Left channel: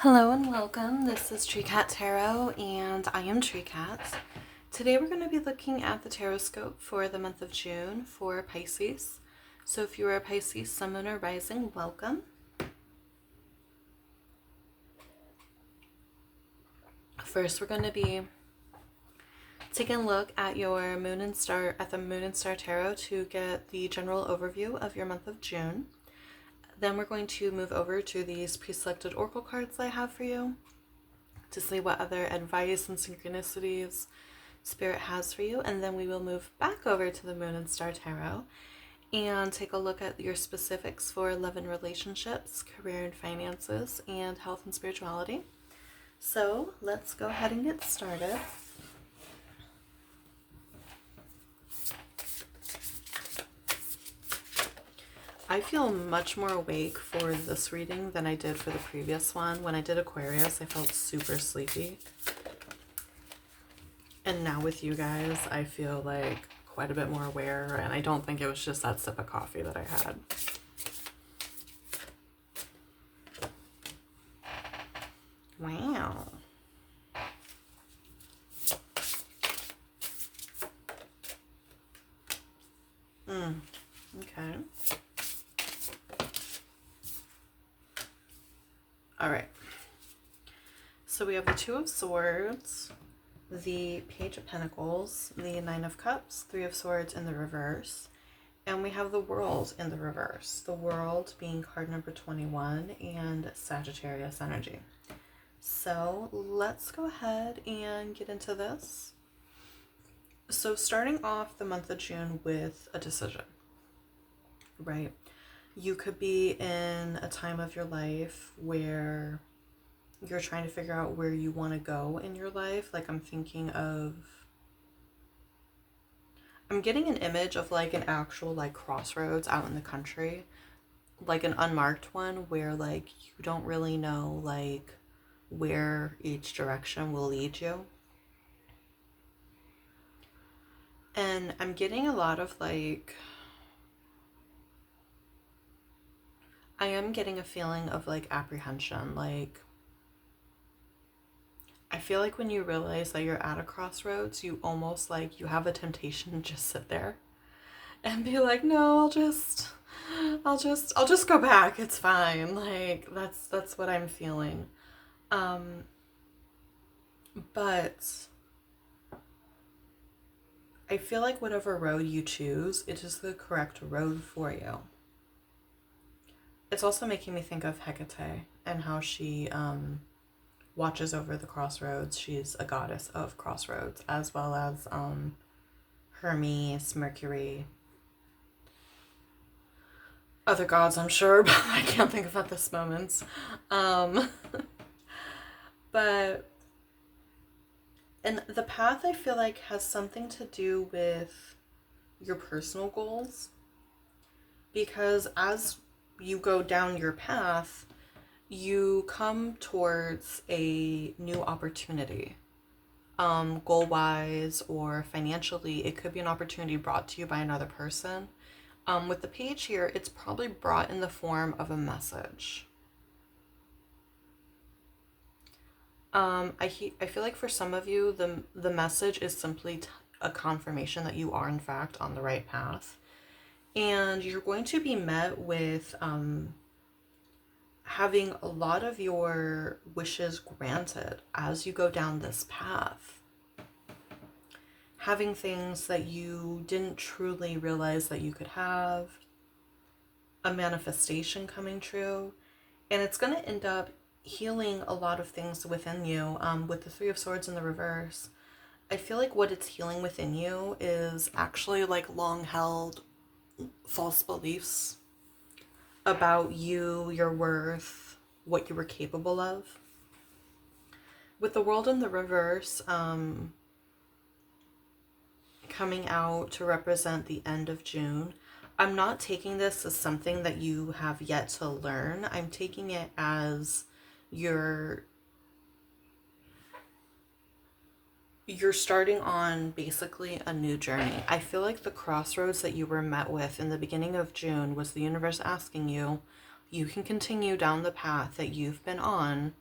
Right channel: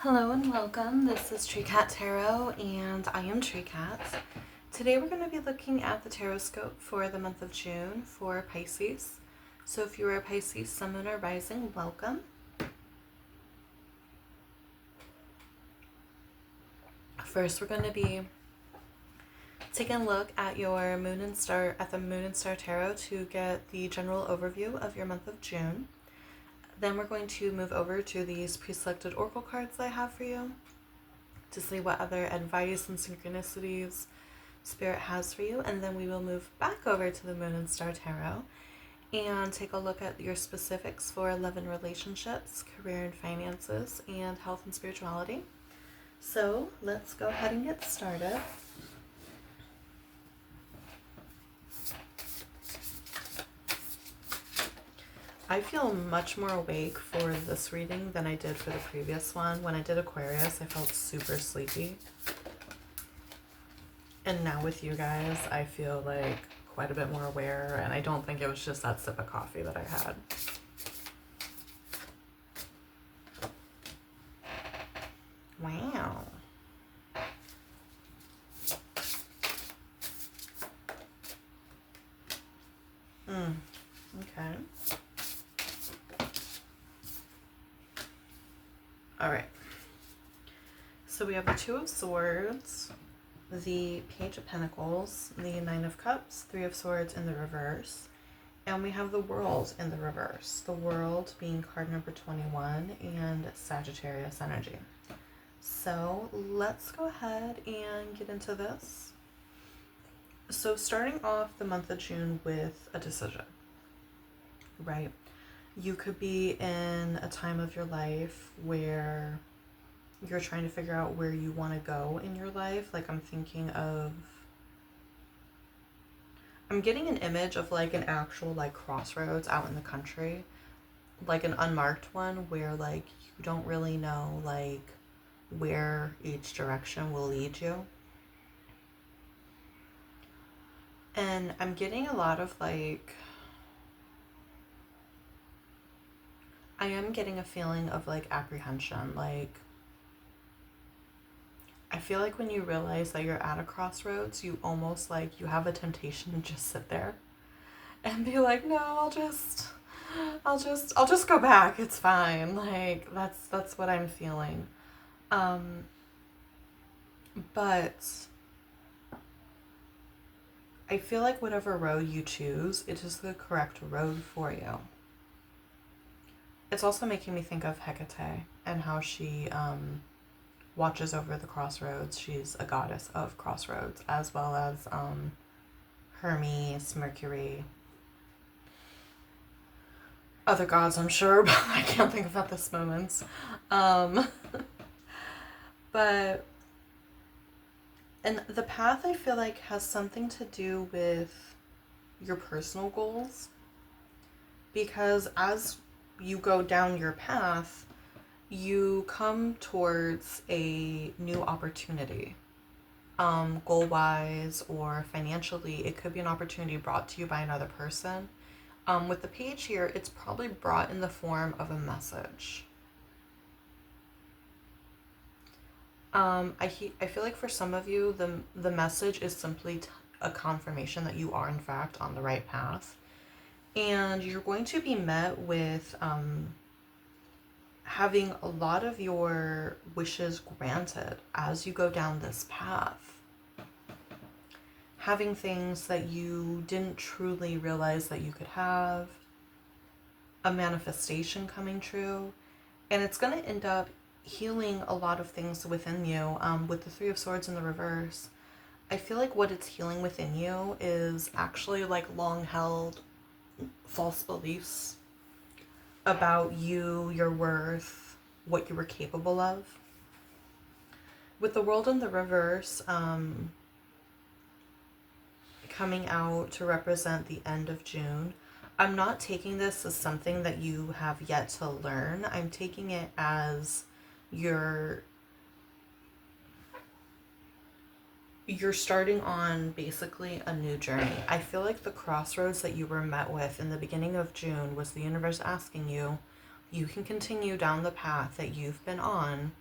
Hello and welcome. This is Tree Cat Tarot, and I am Tree Cat. Today we're going to be looking at the tarot scope for the month of June for Pisces. So if you are a Pisces, Sun, Moon, or Rising, welcome. First, we're going to be taking a look at your Moon and Star Tarot to get the general overview of your month of June. Then we're going to move over to these pre-selected oracle cards I have for you to see what other advice and synchronicities Spirit has for you, and then we will move back over to the Moon and Star Tarot and take a look at your specifics for love and relationships, career and finances, and health and spirituality. So let's go ahead and get started. I feel much more awake for this reading than I did for the previous one. When I did Aquarius, I felt super sleepy. And now with you guys, I feel like quite a bit more aware, and I don't think it was just that sip of coffee that I had. Wow. Okay. All right. So we have the Two of Swords, the Page of Pentacles, the Nine of Cups, Three of Swords in the reverse, and we have the World in the reverse. The World being card number 21 and Sagittarius energy. So let's go ahead and get into this. So starting off the month of June with a decision, right? You could be in a time of your life where you're trying to figure out where you want to go in your life. Like I'm getting an image of like an actual like crossroads out in the country, like an unmarked one where like you don't really know like where each direction will lead you. And I'm getting a lot of like, I am getting a feeling of like apprehension. Like, I feel like when you realize that you're at a crossroads, you almost like you have a temptation to just sit there and be like, no, I'll just go back. It's fine. Like that's what I'm feeling. But I feel like whatever road you choose, it is the correct road for you. It's also making me think of Hecate and how she watches over the crossroads. She's a goddess of crossroads, as well as Hermes, Mercury, other gods, I'm sure, but I can't think of at this moment. Um, but, and the path I feel like has something to do with your personal goals, because as you go down your path, you come towards a new opportunity. Goal wise or financially, it could be an opportunity brought to you by another person. With the page here, it's probably brought in the form of a message. I feel like for some of you, the message is simply a confirmation that you are in fact on the right path, and you're going to be met with having a lot of your wishes granted as you go down this path. Having things that you didn't truly realize that you could have, a manifestation coming true, and it's going to end up healing a lot of things within you. With the Three of Swords in the reverse, I feel like what it's healing within you is actually like long held false beliefs about you, your worth, what you were capable of. With the World in the reverse, coming out to represent the end of June, I'm not taking this as something that you have yet to learn. I'm taking it as you're starting on basically a new journey. I feel like the crossroads that you were met with in the beginning of June was the universe asking you, you can continue down the path that you've been on,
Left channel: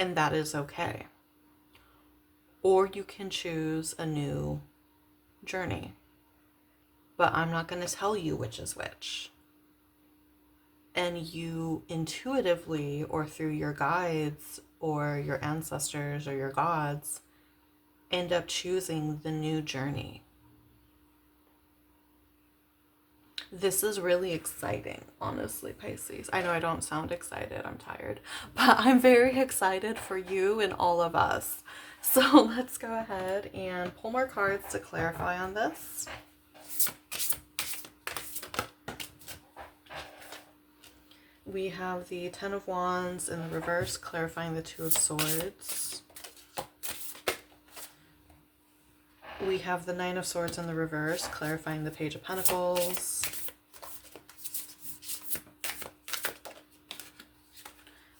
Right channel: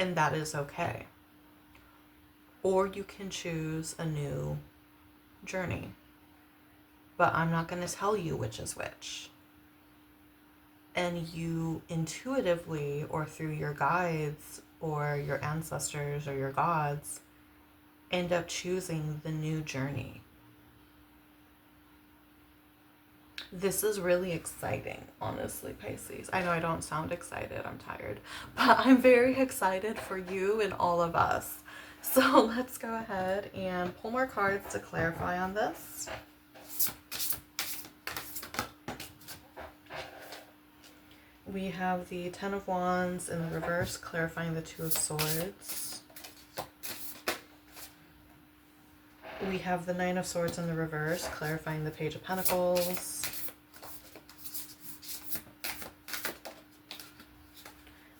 and that is okay. Or you can choose a new journey, but I'm not going to tell you which is which. And you intuitively, or through your guides or your ancestors or your gods, end up choosing the new journey. This is really exciting, honestly, Pisces. I know I don't sound excited, I'm tired, but I'm very excited for you and all of us. So let's go ahead and pull more cards to clarify on this. We have the Ten of Wands in the reverse, clarifying the Two of Swords. We have the Nine of Swords in the reverse, clarifying the Page of Pentacles.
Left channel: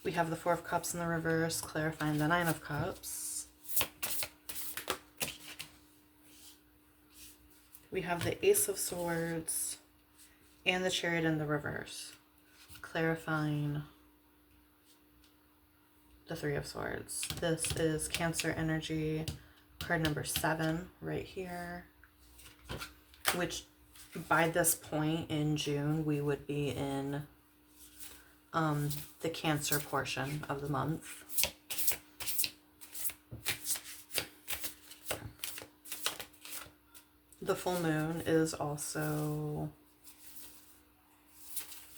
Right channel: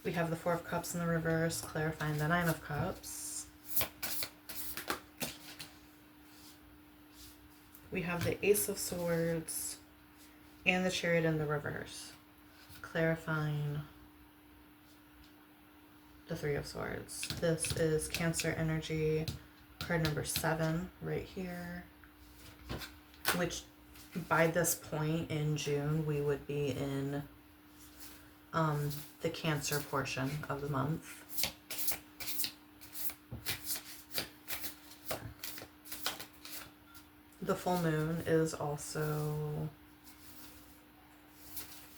We have the Four of Cups in the reverse, clarifying the Nine of Cups. We have the Ace of Swords and the Chariot in the reverse, clarifying the Three of Swords. This is Cancer energy, card number 7 right here, which by this point in June, we would be in the Cancer portion of the month. The full moon is also...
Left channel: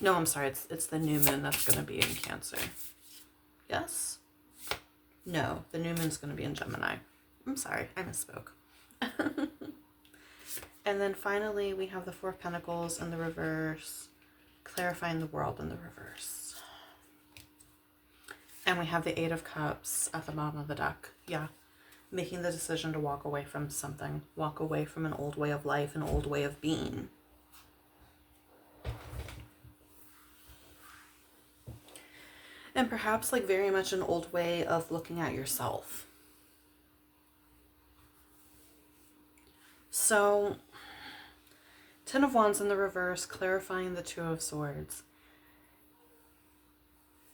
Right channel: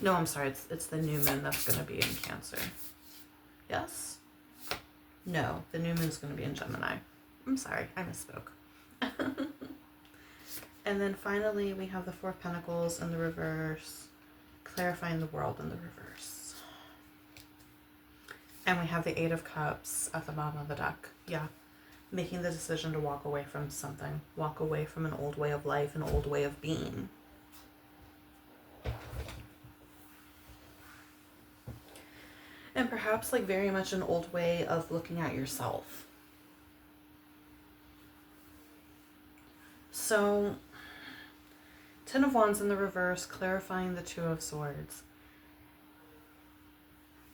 No, I'm sorry. It's the new moon that's going to be in Cancer. Yes? No, the new moon's going to be in Gemini. I'm sorry, I misspoke. And then finally, we have the Four of Pentacles in the reverse, clarifying the World in the reverse. And we have the Eight of Cups at the bottom of the deck. Yeah. Making the decision to walk away from something. Walk away from an old way of life, an old way of being. And perhaps like very much an old way of looking at yourself. So, Ten of Wands in the reverse, clarifying the Two of Swords.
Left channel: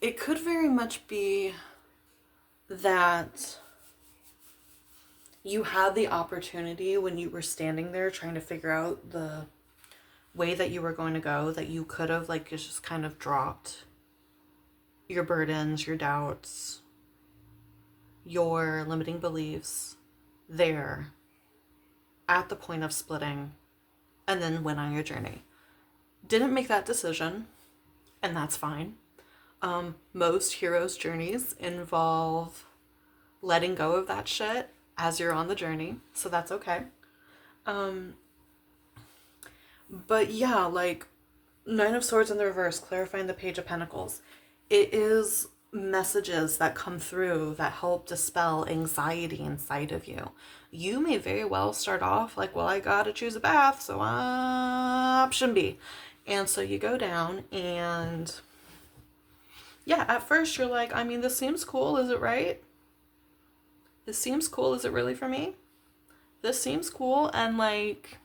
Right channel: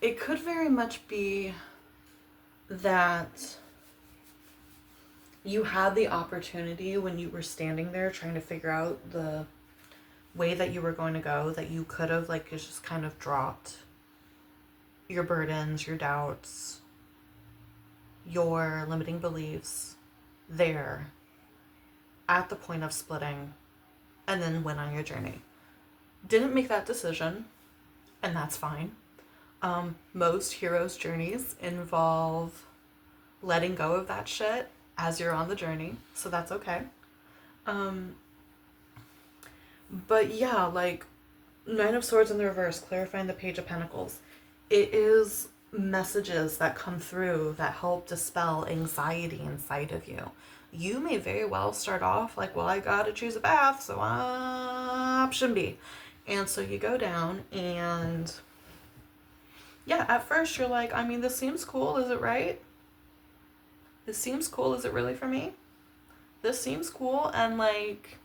It could very much be that you had the opportunity when you were standing there trying to figure out the way that you were going to go, that you could have like just kind of dropped your burdens, your doubts, your limiting beliefs there at the point of splitting, and then went on your journey. Didn't make that decision, and that's fine. Most heroes' journeys involve letting go of that shit as you're on the journey, so that's okay. But yeah, like Nine of Swords in the reverse, clarifying the Page of Pentacles. It is messages that come through that help dispel anxiety inside of you. You may very well start off like, well, I gotta choose a path, so option B. And so you go down and yeah, at first you're like, I mean, this seems cool, is it right? This seems cool, is it really for me? This seems cool, and like,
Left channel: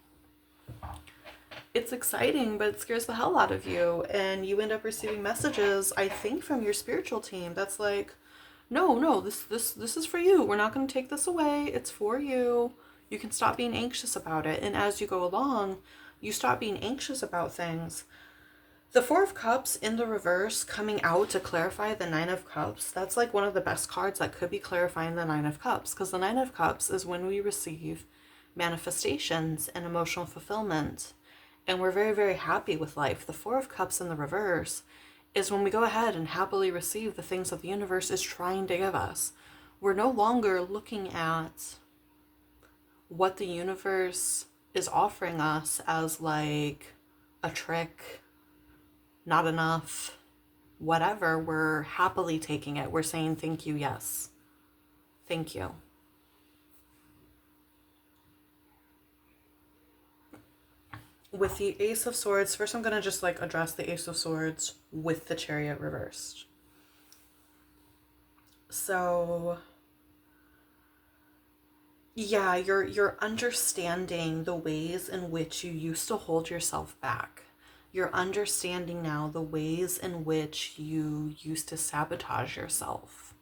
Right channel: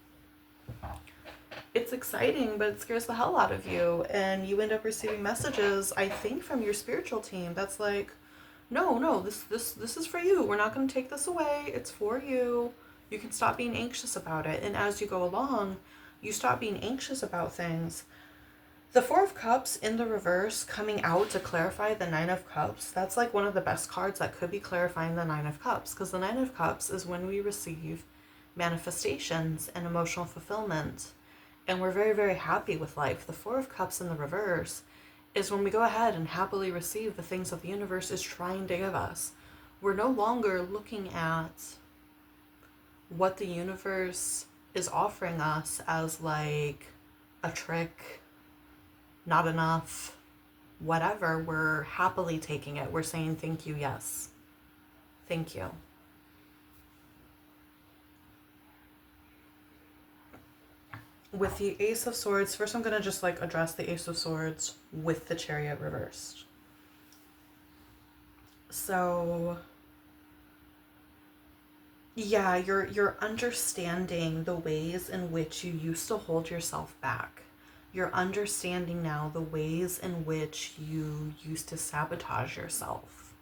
it's exciting, but it scares the hell out of you. And you end up receiving messages, I think, from your spiritual team that's like, no, this is for you. We're not going to take this away. It's for you. You can stop being anxious about it. And as you go along, you stop being anxious about things. The Four of Cups in the reverse coming out to clarify the Nine of Cups, that's like one of the best cards that could be clarifying the Nine of Cups, because the Nine of Cups is when we receive manifestations and emotional fulfillment, and we're very, very happy with life. The Four of Cups in the reverse is when we go ahead and happily receive the things that the universe is trying to give us. We're no longer looking at what the universe is offering us as like a trick, not enough, whatever. We're happily taking it. We're saying thank you, yes. Thank you. With the Ace of Swords, first I'm going to just like address the Ace of Swords with the Chariot reversed. So yeah, you're understanding the ways in which you used to hold yourself back. You're understanding now the ways in which you used to sabotage yourself.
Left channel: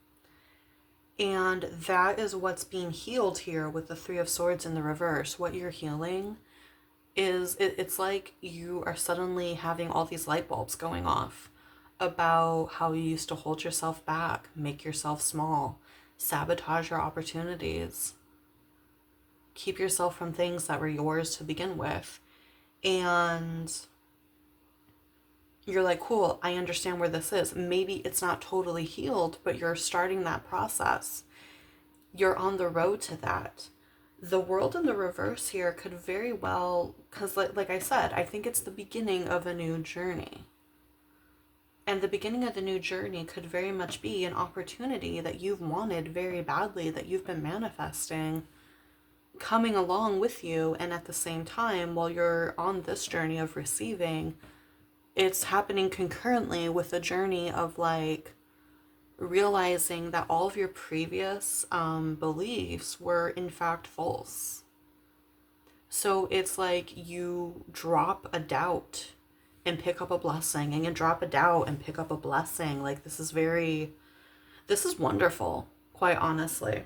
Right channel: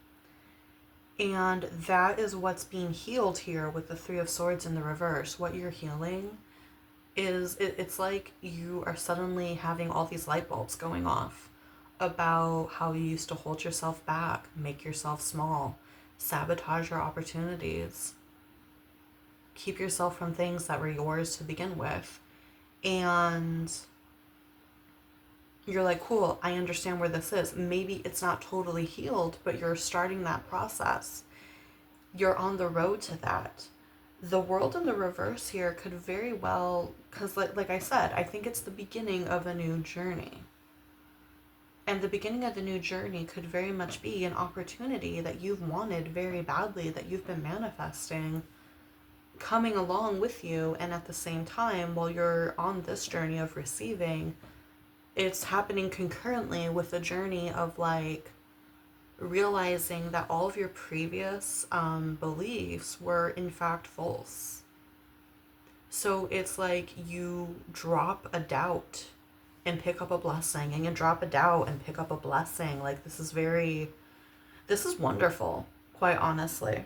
And that is what's being healed here with the Three of Swords in the reverse. What you're healing is it's like you are suddenly having all these light bulbs going off about how you used to hold yourself back, make yourself small, sabotage your opportunities, keep yourself from things that were yours to begin with. And you're like, cool, I understand where this is. Maybe it's not totally healed, but you're starting that process. You're on the road to that. The world in the reverse here could very well, because like I said, I think it's the beginning of a new journey. And the beginning of the new journey could very much be an opportunity that you've wanted very badly, that you've been manifesting, coming along with you. And at the same time, while you're on this journey of receiving, it's happening concurrently with the journey of like realizing that all of your previous beliefs were in fact false. So it's like you drop a doubt and pick up a blessing, and you drop a doubt and pick up a blessing. Like this is wonderful, quite honestly.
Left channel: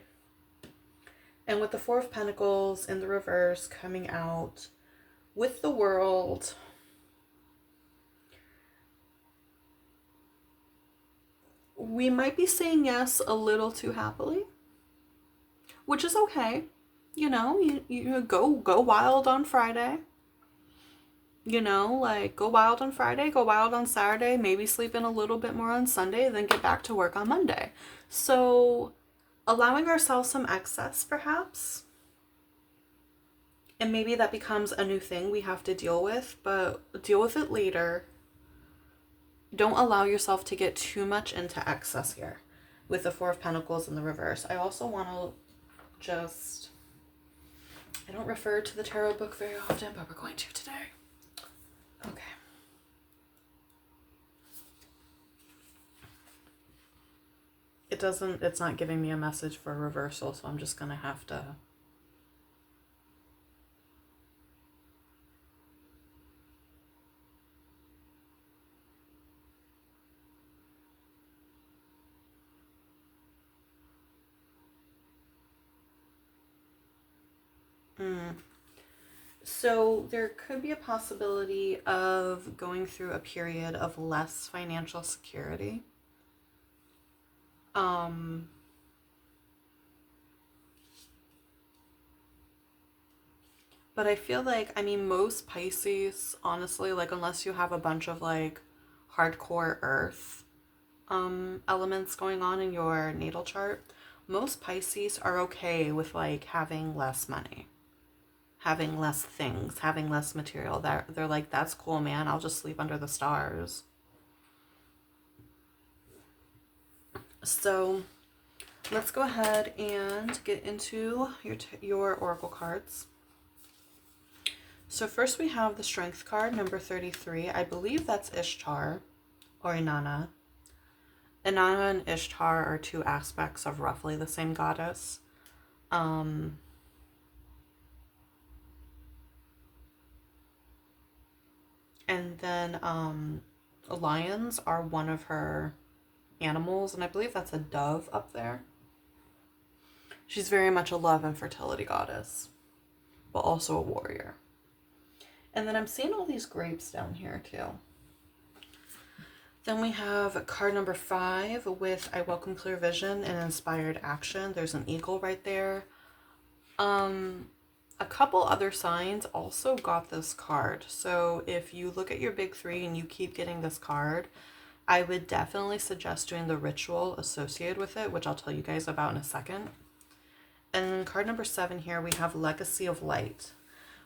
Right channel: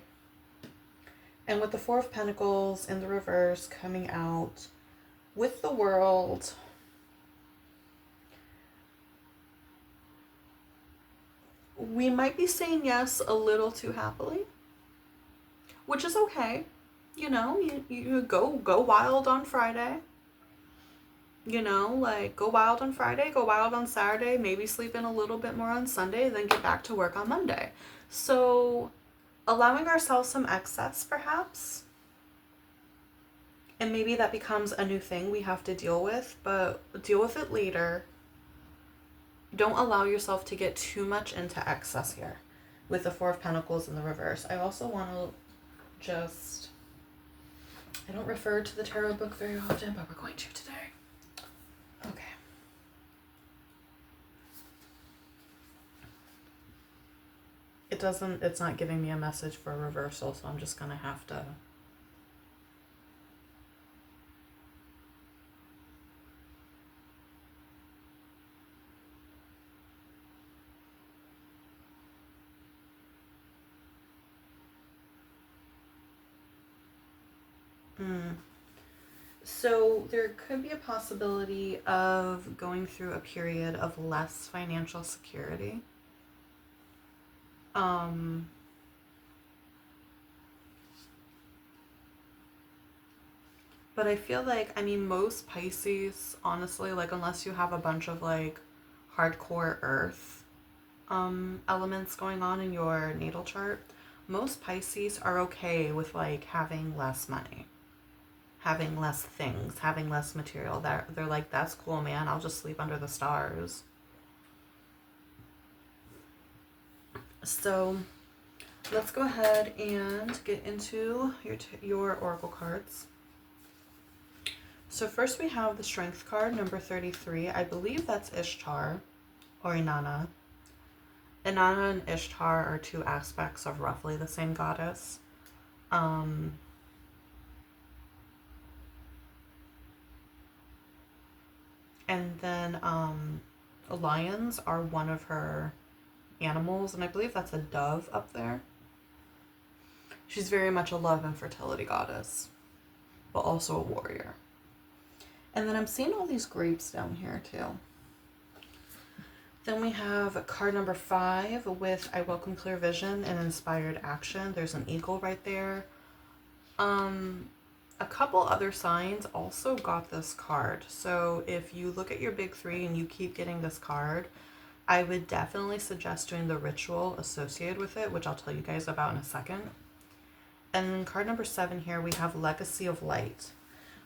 And with the Four of Pentacles in the reverse coming out with the World, we might be saying yes a little too happily, which is okay. You know, you go wild on Friday. You know, like go wild on Friday, go wild on Saturday, maybe sleep in a little bit more on Sunday, then get back to work on Monday. So, allowing ourselves some excess perhaps, and maybe that becomes a new thing we have to deal with, but deal with it later. Don't allow yourself to get too much into excess here with the Four of Pentacles in the reverse. I also want to just, I don't refer to the tarot book very often, but we're going to today. Okay. It's not giving me a message for a reversal, so I'm just going to have to. So there could be a possibility of going through a period of less financial security. But I feel like, I mean, most Pisces, honestly, like unless you have a bunch of like hardcore earth elements going on in your natal chart, most Pisces are okay with like having less money, having less things, having less material. They're like, that's cool, man. I'll just sleep under the stars. So let's go ahead and get into your oracle cards. So first we have the Strength card, number 33. I believe that's Ishtar or Inanna. Inanna and Ishtar are two aspects of roughly the same goddess. And then lions are one of her animals, and I believe that's a dove up there. She's very much a love and fertility goddess, but also a warrior. And then I'm seeing all these grapes down here too. Then we have card number 5 with I welcome clear vision and inspired action. There's an eagle right there. A couple other signs also got this card. So if you look at your big 3 and you keep getting this card, I would definitely suggest doing the ritual associated with it, which I'll tell you guys about in a second. And card number 7 here, we have Legacy of Light.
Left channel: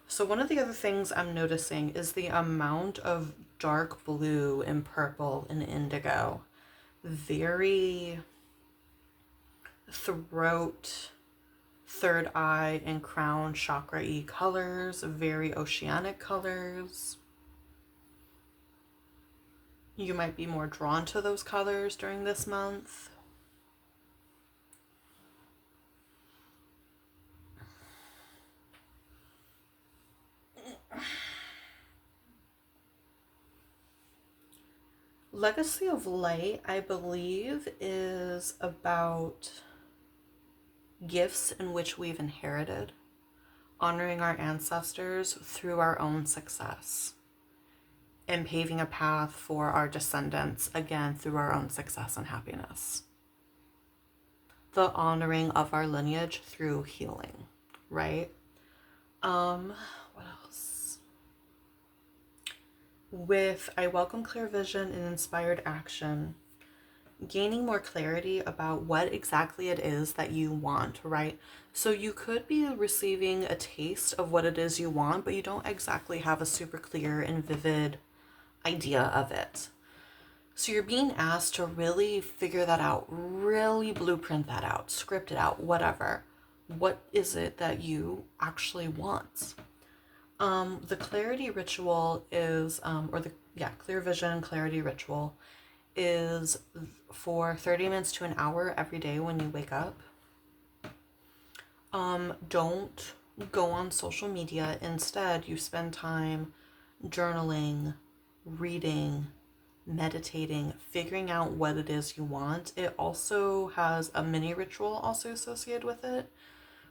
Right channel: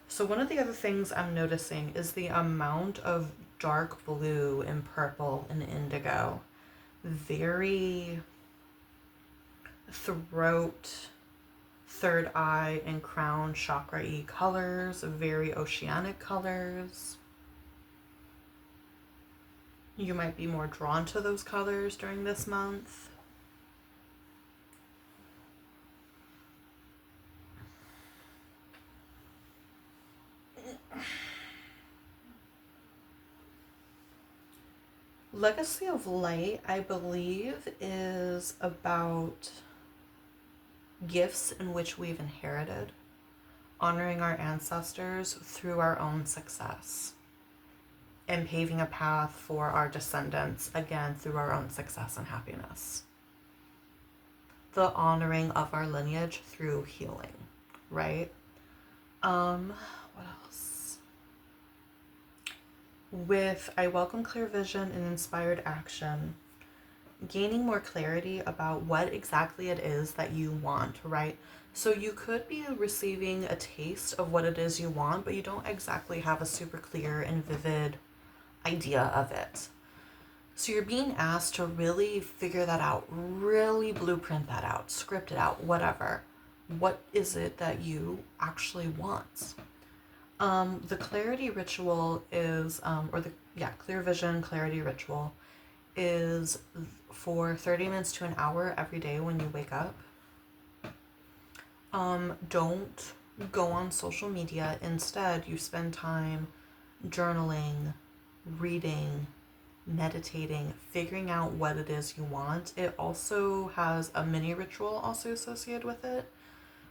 So one of the other things I'm noticing is the amount of dark blue and purple and indigo. Very throat, third eye, and crown chakra-y colors. Very oceanic colors. You might be more drawn to those colors during this month. Legacy of Light, I believe, is about gifts in which we've inherited, honoring our ancestors through our own success, and paving a path for our descendants, again, through our own success and happiness. The honoring of our lineage through healing, right? What else? With I welcome clear vision and inspired action, gaining more clarity about what exactly it is that you want, right? So you could be receiving a taste of what it is you want, but you don't exactly have a super clear and vivid idea of it. So you're being asked to really figure that out, really blueprint that out, script it out, whatever. What is it that you actually want? The clarity ritual is, clear vision clarity ritual is for 30 minutes to an hour every day when you wake up. Don't go on social media. Instead, you spend time journaling, reading, meditating, figuring out what it is you want. It also has a mini ritual also associated with it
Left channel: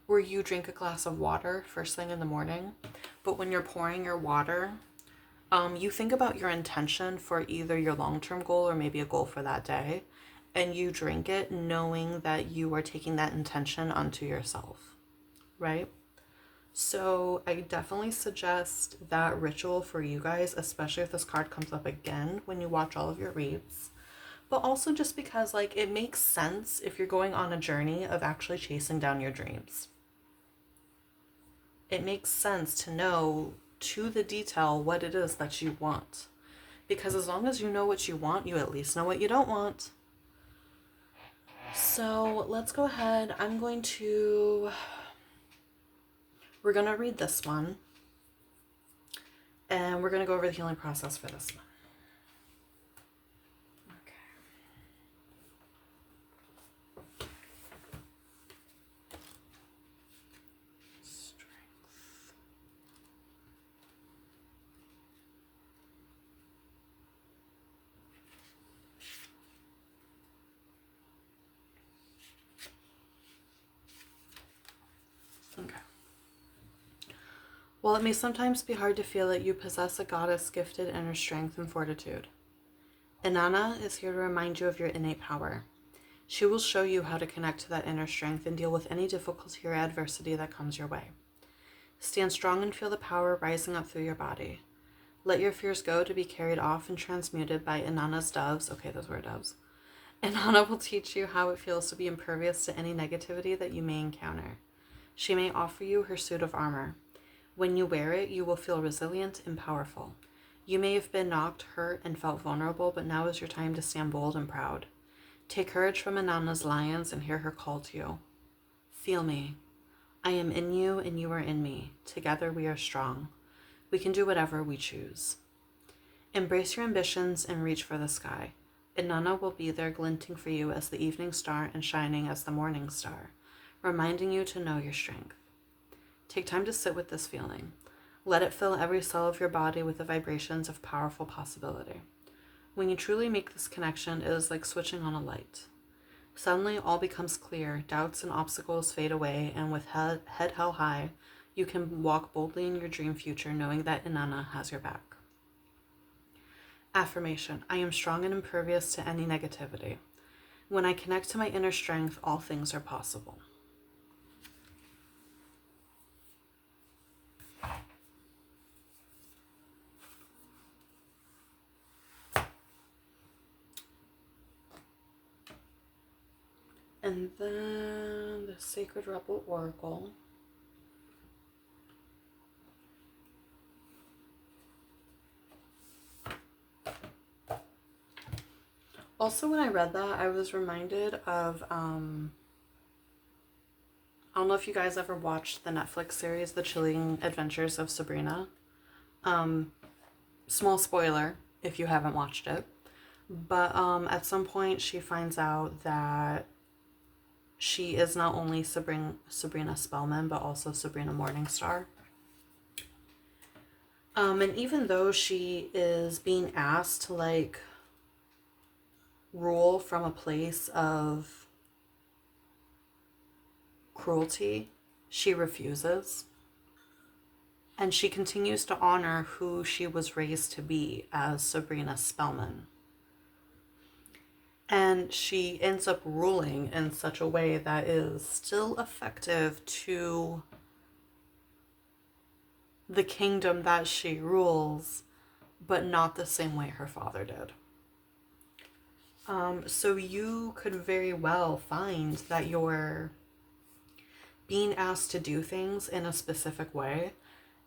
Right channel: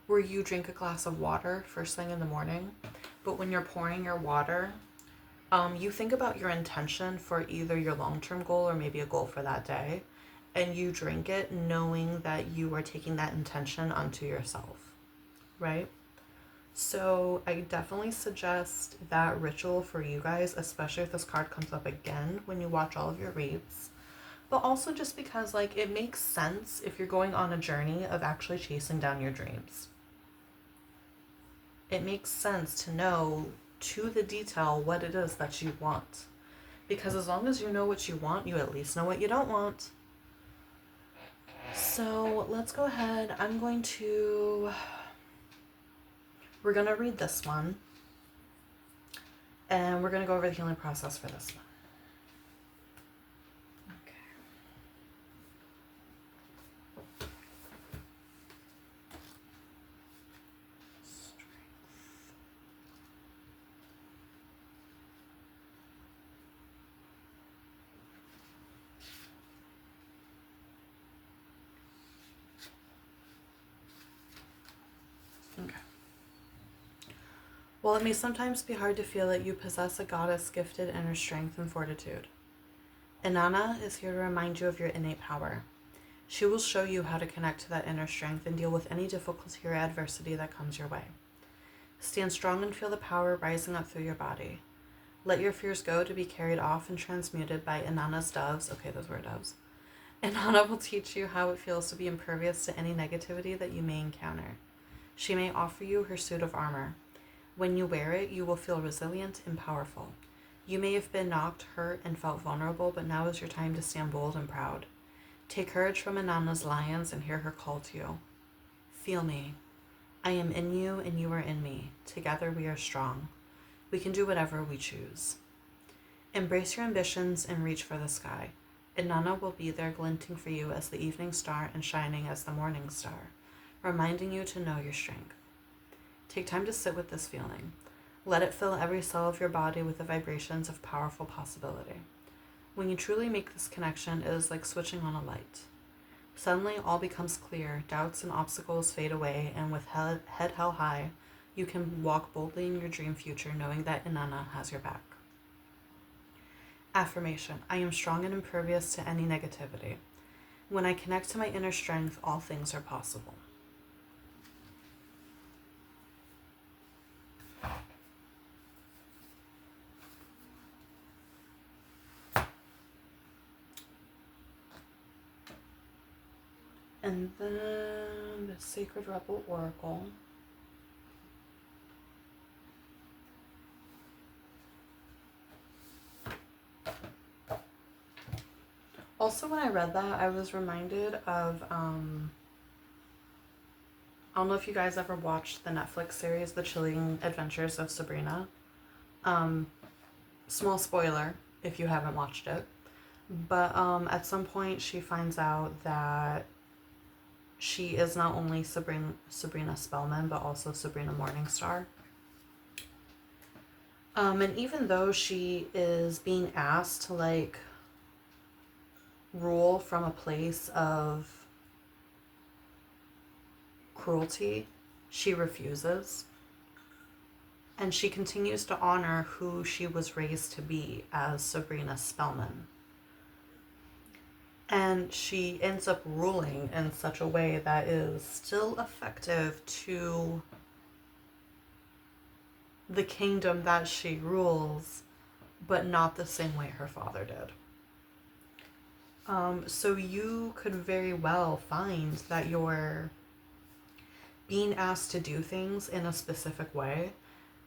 where you drink a glass of water first thing in the morning. But when you're pouring your water, you think about your intention for either your long-term goal or maybe a goal for that day, and you drink it knowing that you are taking that intention onto yourself, right? So I definitely suggest that ritual for you guys, especially if this card comes up again when you watch all of your reads. But also just because, like, it makes sense if you're going on a journey of actually chasing down your dreams. It makes sense to know to the detail what it is that you want. Because as long as you know what you want, you at least know what you don't want. So let's go ahead. We're going to read this one. And we're going to go over the healing process for this one. Okay. While it may sometimes be hard to feel it, you possess a goddess-gifted inner strength and fortitude. Inanna is here to remind you of your innate power. She will show you how to connect to that inner strength and deal with any difficulty or adversity that comes your way. Stand strong and feel the power rising up through your body. Let your fears go to be carried off and transmuted by Inanna's doves. Okay, those were doves. Inanna will teach you how it feels to be impervious to any negativity that you may encounter. She may offer you her suit of armor. When you wear it, you will feel resilient and powerful. You may have been knocked, hurt, and felt vulnerable, but now is your time to stand bold and proud. Take courage from Inanna's lions and hear her call to you. Feel me. I am in you and you are in me. Together we are strong. We can do whatever we choose. Embrace your ambitions and reach for the sky. Inanna will be there glinting for you as the evening star and shining as the morning star, reminding you to know your strength. Take time to sit with this feeling. Let it fill every cell of your body with the vibrations of powerful possibility. When you truly make this connection, it is like switching on a light. Suddenly, all becomes clear, doubts and obstacles fade away, and with head held high, you can walk boldly in your dream future knowing that Inanna has your back. Affirmation: I am strong and impervious to any negativity. When I connect to my inner strength, all things are possible. And then the Sacred Rebel Oracle. Also, when I read that, I was reminded of, I don't know if you guys ever watched the Netflix series, The Chilling Adventures of Sabrina. Small spoiler if you haven't watched it. But at some point, she finds out that she is not only Sabrina Spellman, but also Sabrina Morningstar. And even though she is being asked to, like, rule from a place of cruelty, she refuses. And she continues to honor who she was raised to be as Sabrina Spellman. And she ends up ruling in such a way that is still effective to the kingdom that she rules, but not the same way her father did. So you could very well find that you're being asked to do things in a specific way,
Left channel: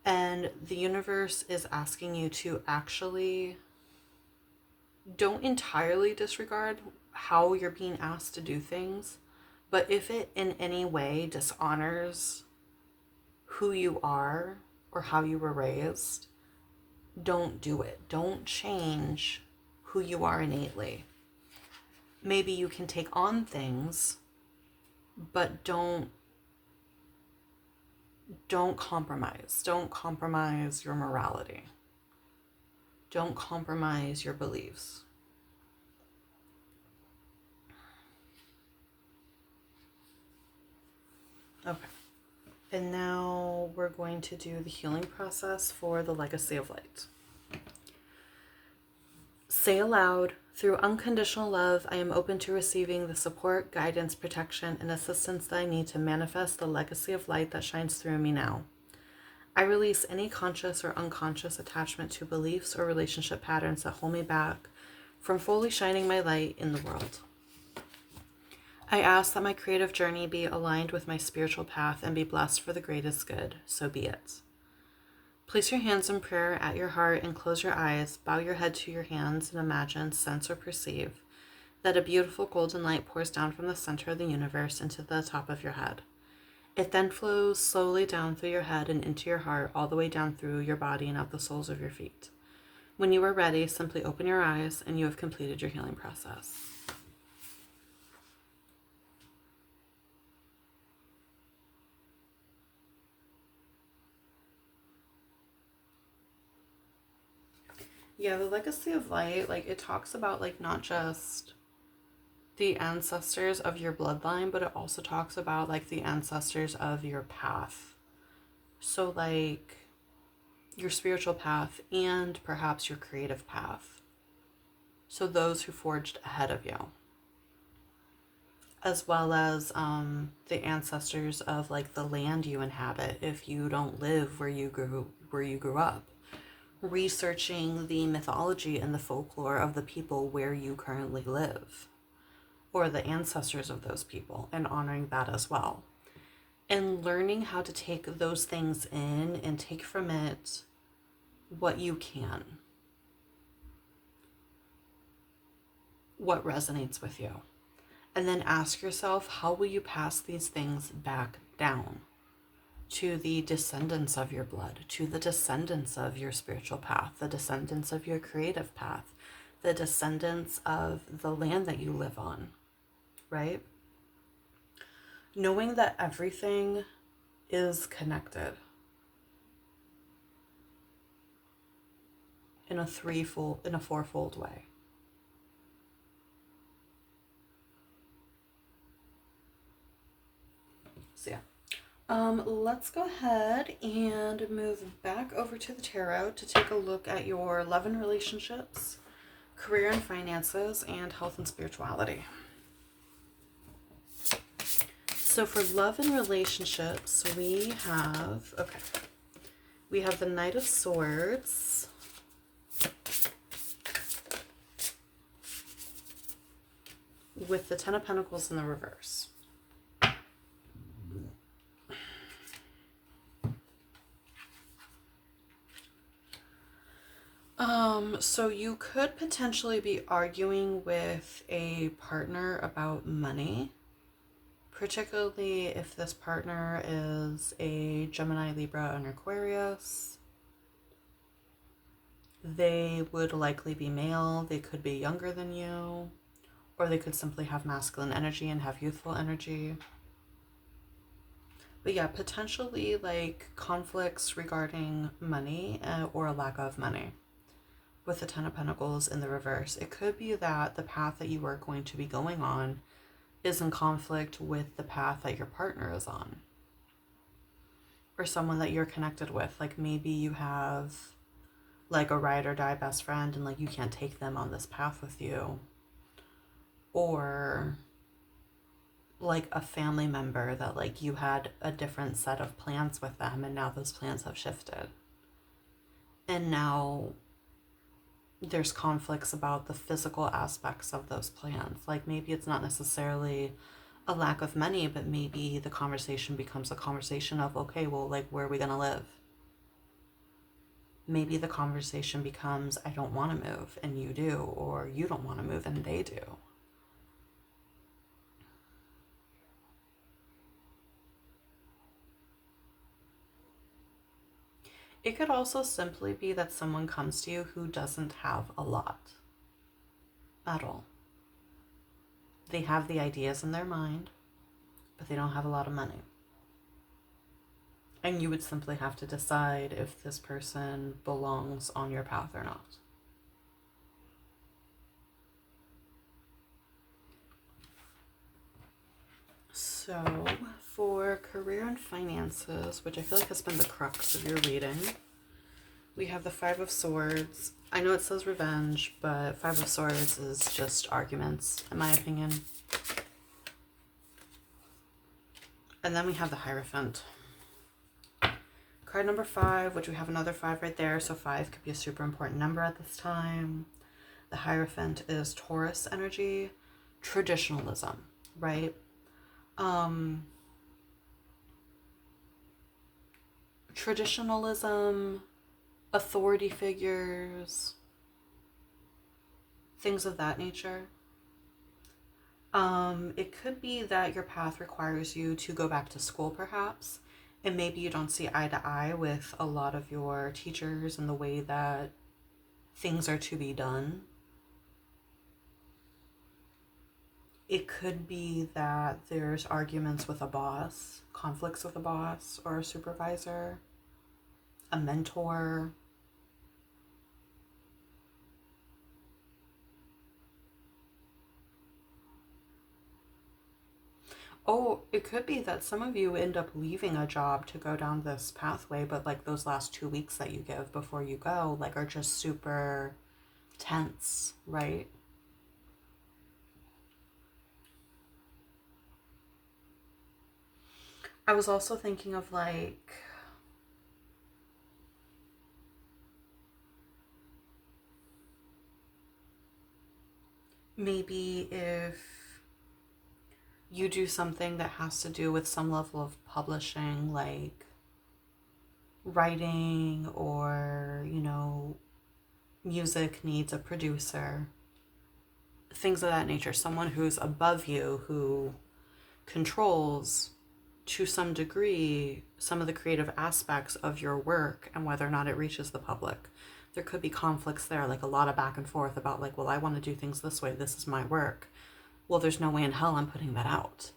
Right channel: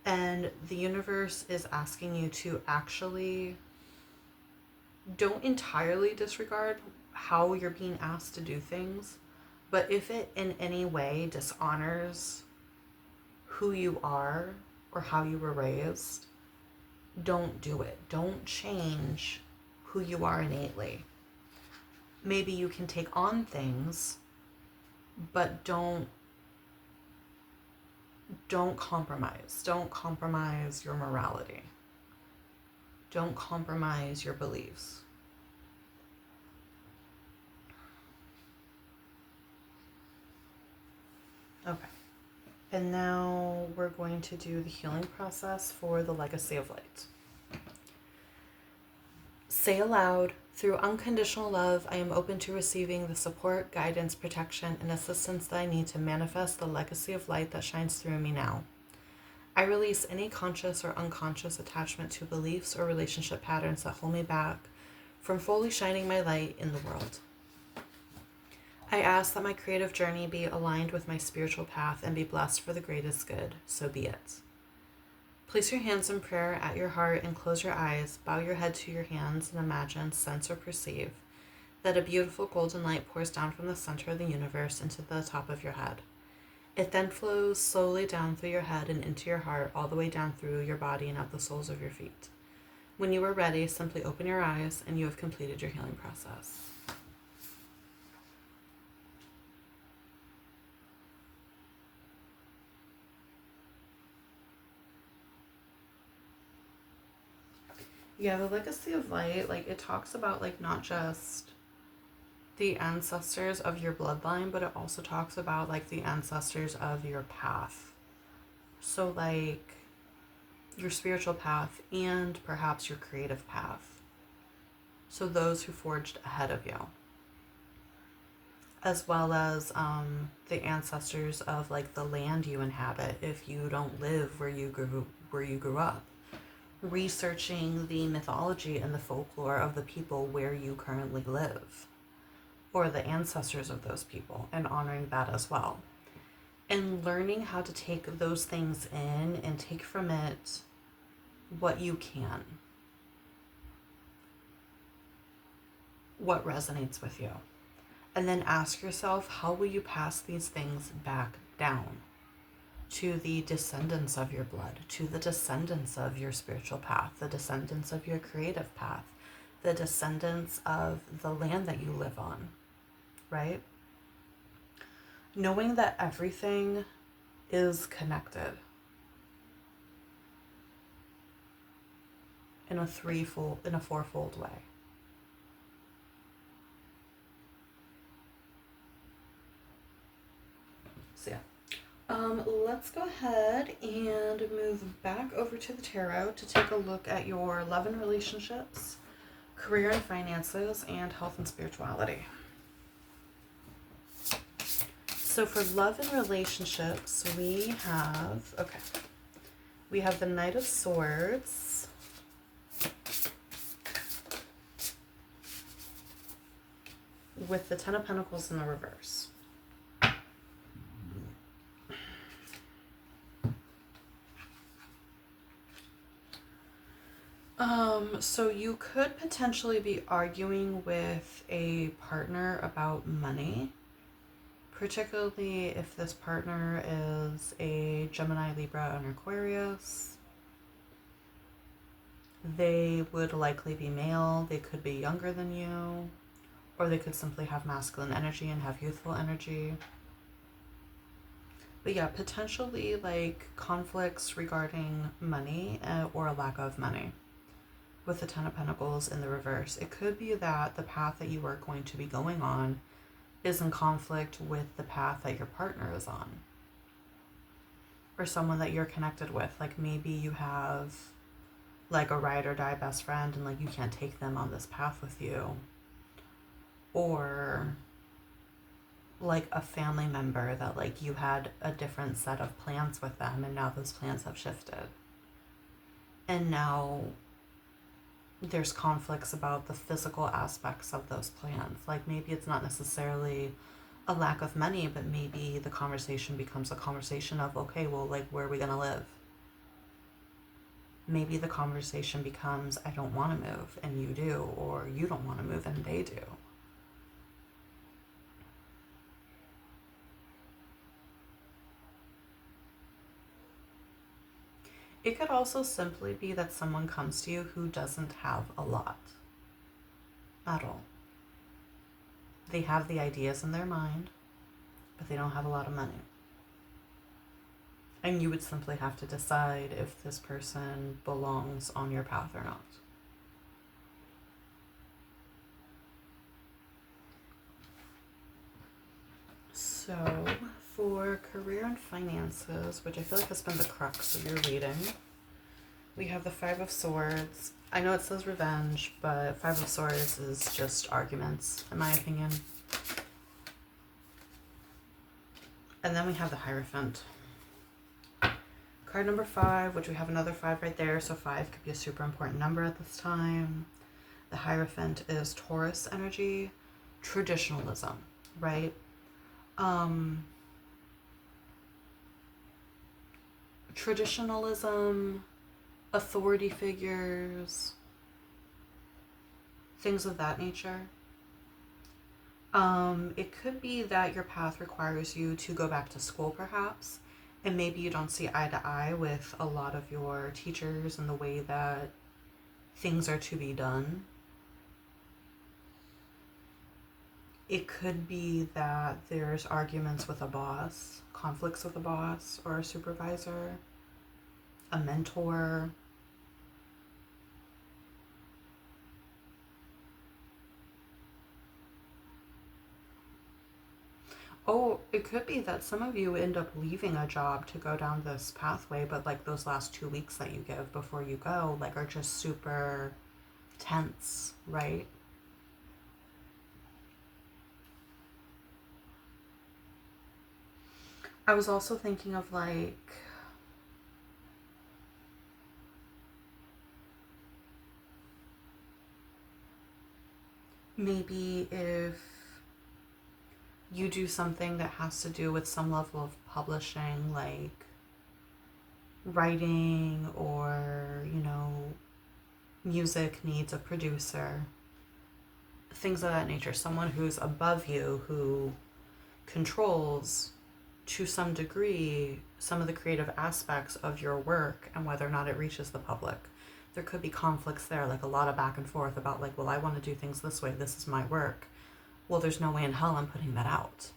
and the universe is asking you to actually don't entirely disregard how you're being asked to do things, but if it in any way dishonors who you are or how you were raised, don't do it. Don't change who you are innately. Maybe you can take on things, but don't compromise. Don't compromise your morality. Don't compromise your beliefs. Okay. And now we're going to do the healing process for the legacy of light. Say aloud, through unconditional love, I am open to receiving the support, guidance, protection, and assistance that I need to manifest the legacy of light that shines through me now. I release any conscious or unconscious attachment to beliefs or relationship patterns that hold me back from fully shining my light in the world. I ask that my creative journey be aligned with my spiritual path and be blessed for the greatest good, so be it. Place your hands in prayer at your heart and close your eyes. Bow your head to your hands and imagine, sense, or perceive that a beautiful golden light pours down from the center of the universe into the top of your head. It then flows slowly down through your head and into your heart, all the way down through your body and up the soles of your feet. When you are ready, simply open your eyes and you have completed your healing process. Yeah, the legacy of light, like, it talks about, like, not just the ancestors of your bloodline, but it also talks about, like, the ancestors of your path. So, like, your spiritual path and perhaps your creative path. So those who forged ahead of you. As well as the ancestors of, like, the land you inhabit if you don't live where you grew up. Researching the mythology and the folklore of the people where you currently live, or the ancestors of those people, and honoring that as well. And learning how to take those things in and take from it what you can. What resonates with you. And then ask yourself, how will you pass these things back down to the descendants of your blood, to the descendants of your spiritual path, the descendants of your creative path, the descendants of the land that you live on, right? Knowing that everything is connected in a fourfold way. So yeah. Let's go ahead and move back over to the tarot to take a look at your love and relationships, career and finances, and health and spirituality. So for love and relationships, we have the Knight of Swords, with the Ten of Pentacles in the reverse. So you could potentially be arguing with a partner about money, particularly if this partner is a Gemini, Libra, and Aquarius. They would likely be male. They could be younger than you, or they could simply have masculine energy and have youthful energy. But yeah, potentially like conflicts regarding money or a lack of money. With the Ten of Pentacles in the reverse, it could be that the path that you are going to be going on is in conflict with the path that your partner is on, or someone that you're connected with. Like maybe you have like a ride or die best friend and like you can't take them on this path with you, or like a family member that like you had a different set of plans with them and now those plans have shifted, and now there's conflicts about the physical aspects of those plans. Like maybe it's not necessarily a lack of money, but maybe the conversation becomes a conversation of, okay, well, like, where are we going to live? Maybe the conversation becomes, I don't want to move and you do, or you don't want to move and they do. It could also simply be that someone comes to you who doesn't have a lot at all. They have the ideas in their mind, but they don't have a lot of money. And you would simply have to decide if this person belongs on your path or not. So, for career and finances, which I feel like has been the crux of your reading, we have the Five of Swords. I know it says revenge, but Five of Swords is just arguments, in my opinion. And then we have the Hierophant. Card number 5, which we have another 5 right there, so 5 could be a super important number at this time. The Hierophant is Taurus energy, traditionalism, right? Traditionalism, authority figures, things of that nature. It could be that your path requires you to go back to school, perhaps, and maybe you don't see eye to eye with a lot of your teachers and the way that things are to be done. It could be that there's arguments with a boss, conflicts with a boss or a supervisor, a mentor. Oh, it could be that some of you end up leaving a job to go down this pathway, but like those last 2 weeks that you give before you go, like, are just super tense, right? I was also thinking of like maybe if you do something that has to do with some level of publishing, like writing, or, music needs a producer, things of that nature, someone who's above you who controls to some degree some of the creative aspects of your work and whether or not it reaches the public. There could be conflicts there, like a lot of back and forth about like, well, I want to do things this way, this is my work. Well, there's no way in hell I'm putting that out.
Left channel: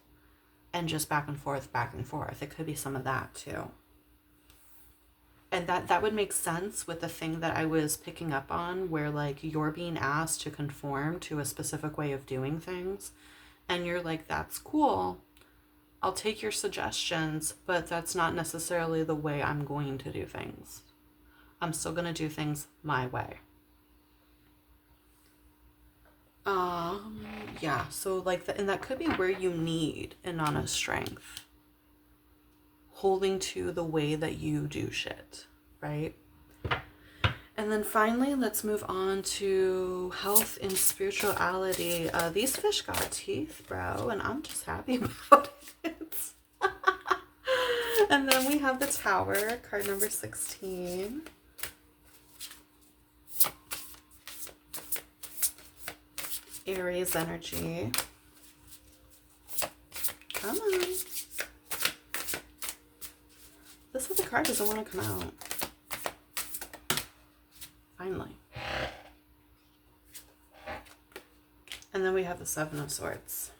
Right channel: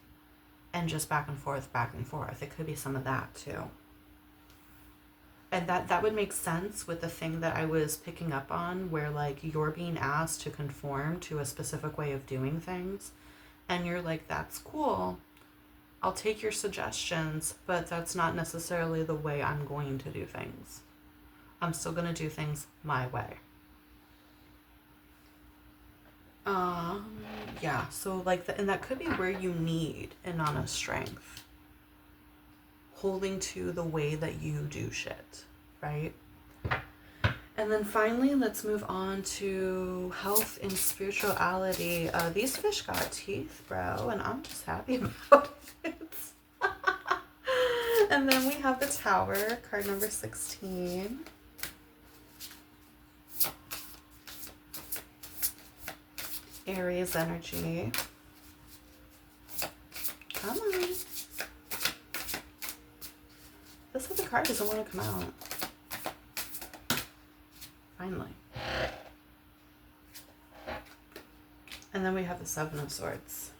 And just back and forth, back and forth. It could be some of that too. And that would make sense with the thing that I was picking up on, where like you're being asked to conform to a specific way of doing things. And you're like, that's cool. I'll take your suggestions, but that's not necessarily the way I'm going to do things. I'm still going to do things my way. Yeah, so like, and that could be where you need Inanna's strength. Holding to the way that you do shit, right? And then finally, let's move on to health and spirituality. These fish got teeth, bro, and I'm just happy about it. And then we have the Tower, card number 16. Aries energy. Come on. This other card doesn't want to come out. Finally. And then we have the Seven of Swords.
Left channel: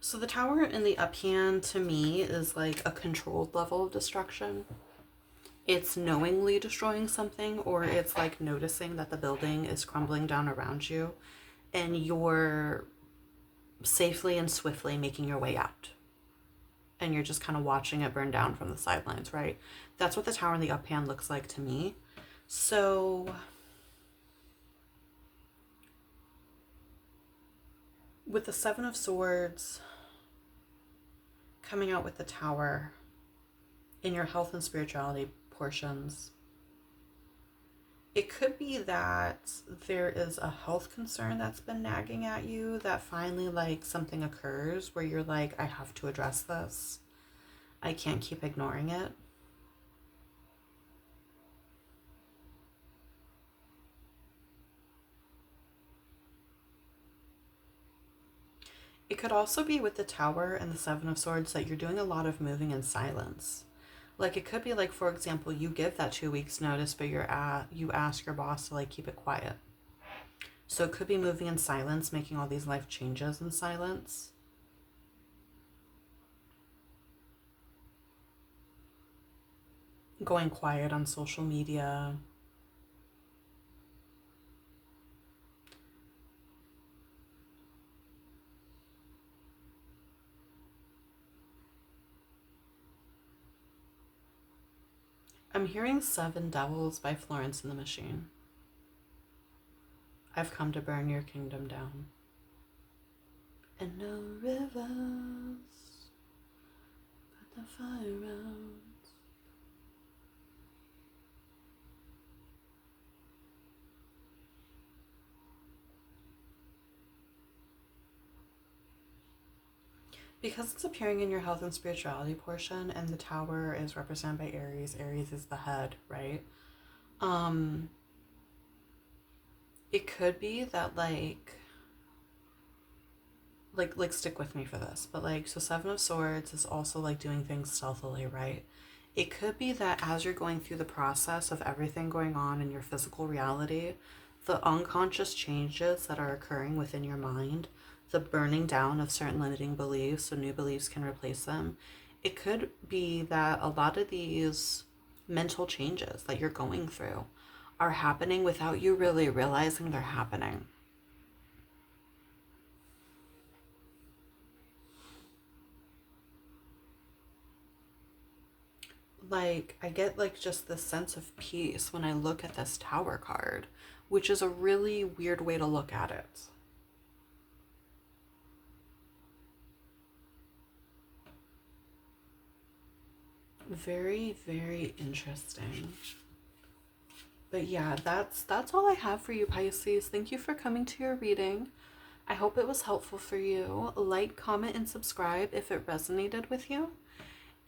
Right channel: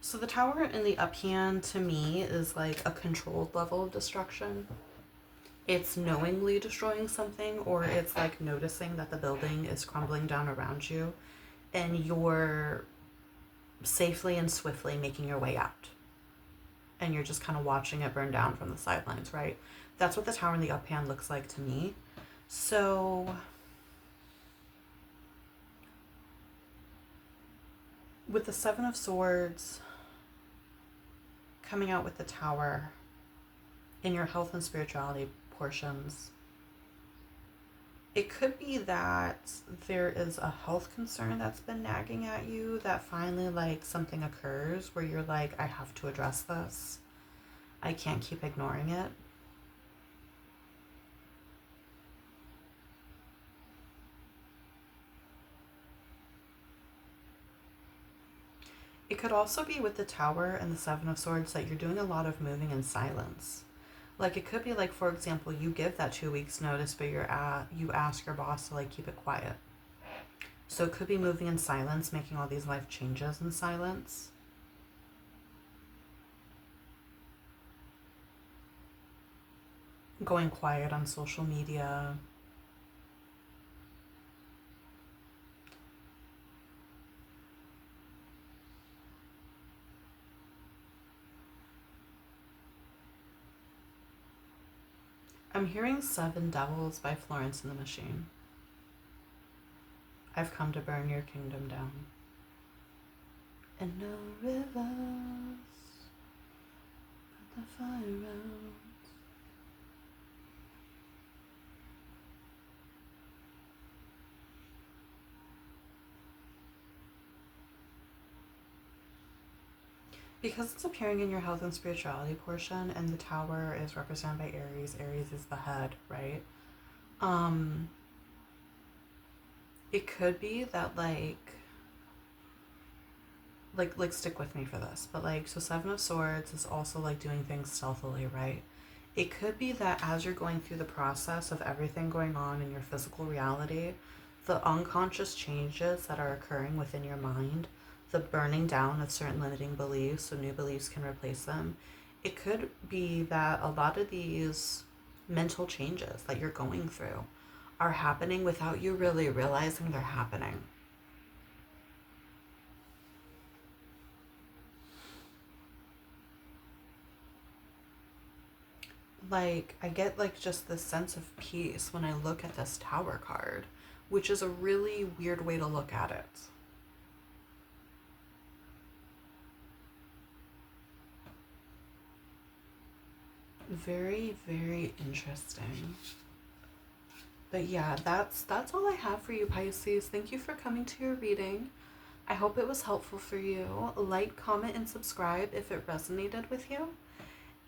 So the Tower in the up hand to me is like a controlled level of destruction. it's knowingly destroying something, or it's like noticing that the building is crumbling down around you and you're safely and swiftly making your way out. And you're just kind of watching it burn down from the sidelines, right? That's what the tower in the up hand looks like to me. So with the Seven of Swords coming out with the tower in your health and spirituality portions, it could be that there is a health concern that's been nagging at you, that finally like something occurs where you're like, I have to address this. I can't keep ignoring it. It could also be with the tower and the Seven of Swords that you're doing a lot of moving in silence. Like it could be like, for example, you give that 2 weeks notice, but you ask your boss to like keep it quiet. So it could be moving in silence, making all these life changes in silence. Going quiet on social media. I'm hearing Seven Devils by Florence and the Machine. I've come to burn your kingdom down. And no rivers put the fire out. Because it's appearing in your health and spirituality portion, and the tower is represented by Aries. Aries is the head, right? Um, it could be that like stick with me for this, but like, so Seven of Swords is also like doing things stealthily, right? It could be that as you're going through the process of everything going on in your physical reality, the unconscious changes that are occurring within your mind, the burning down of certain limiting beliefs so new beliefs can replace them, it could be that a lot of these mental changes that you're going through are happening without you really realizing they're happening. Like, I get like just this sense of peace when I look at this tower card, which is a really weird way to look at it. Very, very interesting. But yeah, that's all I have for you, Pisces. Thank you for coming to your reading. I hope it was helpful for you. Like, comment, and subscribe if it resonated with you.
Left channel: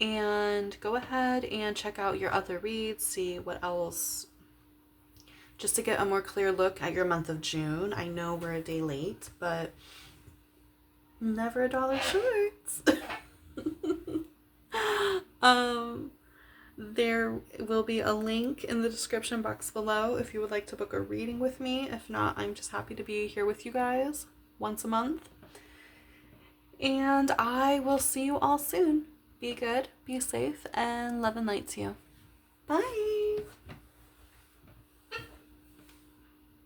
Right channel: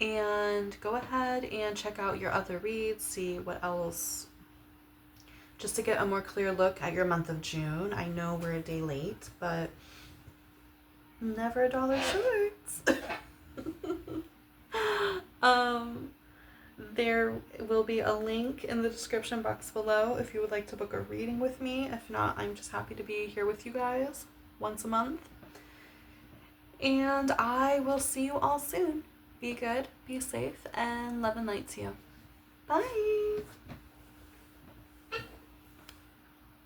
And go ahead and check out your other reads, see what else, just to get a more clear look at your month of June. I know we're a day late, but never a dollar short. um, there will be a link in the description box below if you would like to book a reading with me. If not, I'm just happy to be here with you guys once a month. And I will see you all soon. Be good, be safe, and love and light to you. Bye!